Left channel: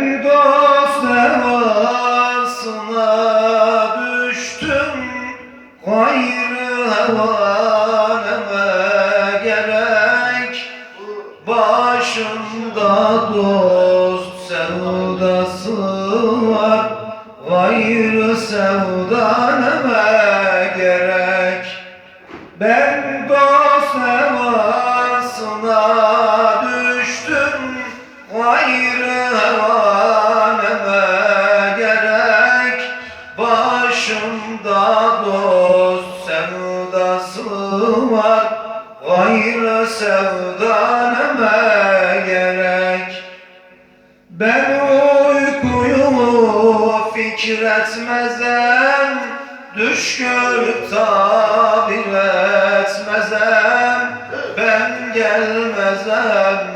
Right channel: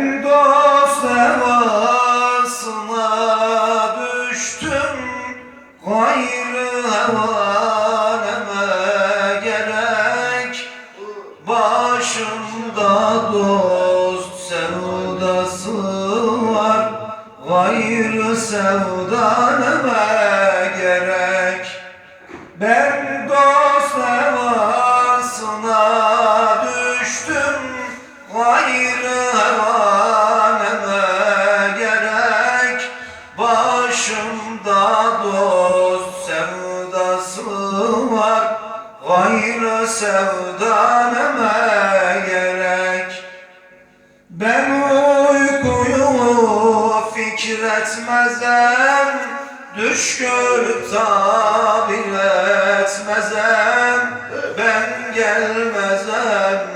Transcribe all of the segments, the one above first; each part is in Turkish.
Dost hevasına düştüm. Gayrı hevaneme gerek. Başımda dost sevdası var. Gayrı sevdaneme gerek. Ben dost hevasına düştüm. Gayrı sevdası var Gayrı sevdaneme gerek. Ben uykuyu fikretmezem Düş görüp tabir etmezem. Ben gelmezem,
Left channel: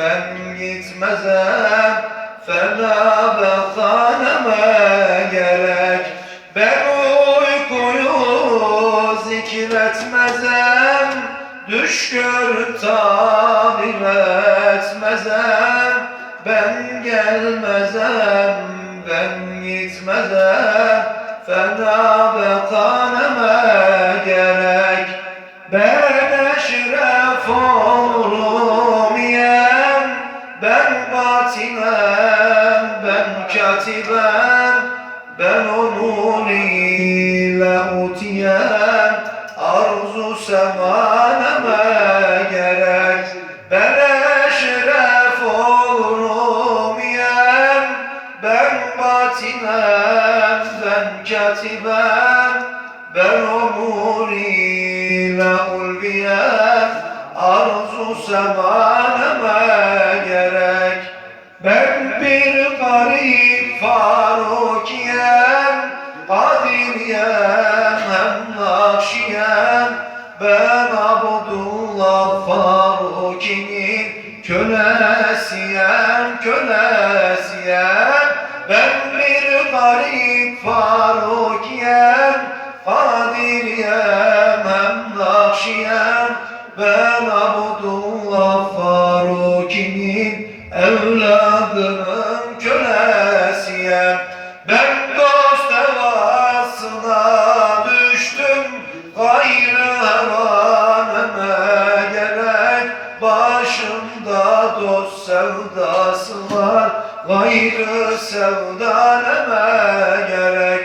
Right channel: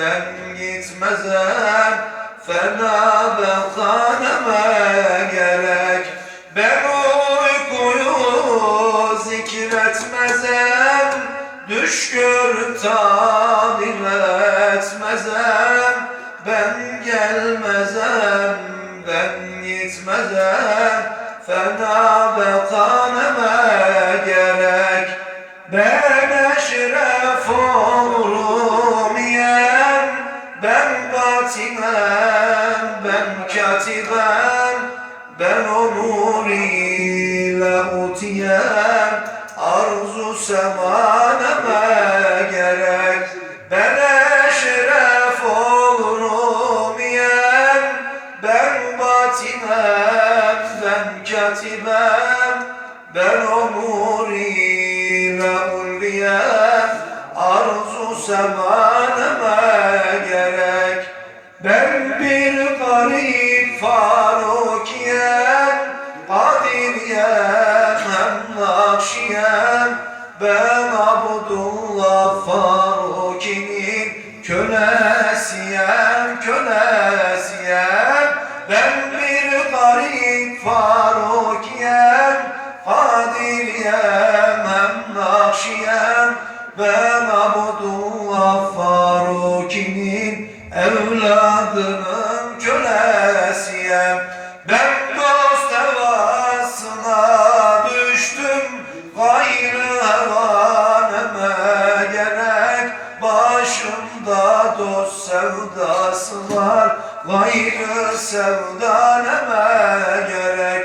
ben gitmezem Fena bekaneme gerek. Ben Düş görüp tabir etmezem Ben gelmezem, ben gitmezem. Fena bekaneme gerek Ben eşref olurum yem. Ben batinem, ben katibem Ben onur ile utiyem Arzu gerek Ben eşref olurum yem Ben batinem, ben katibem Ben onur ile ulviyem Arzu semaneme gerek. Ben bir garip farukiyem Kadiriyem hem nakşiyem Ben kölesiyem, Ben bir garip farukiyem Kadiriyem hem nakşiyem Ben Abdullah Faruki'nin evladının başımda dost sevdası var Gayrı sevdaleme gerek.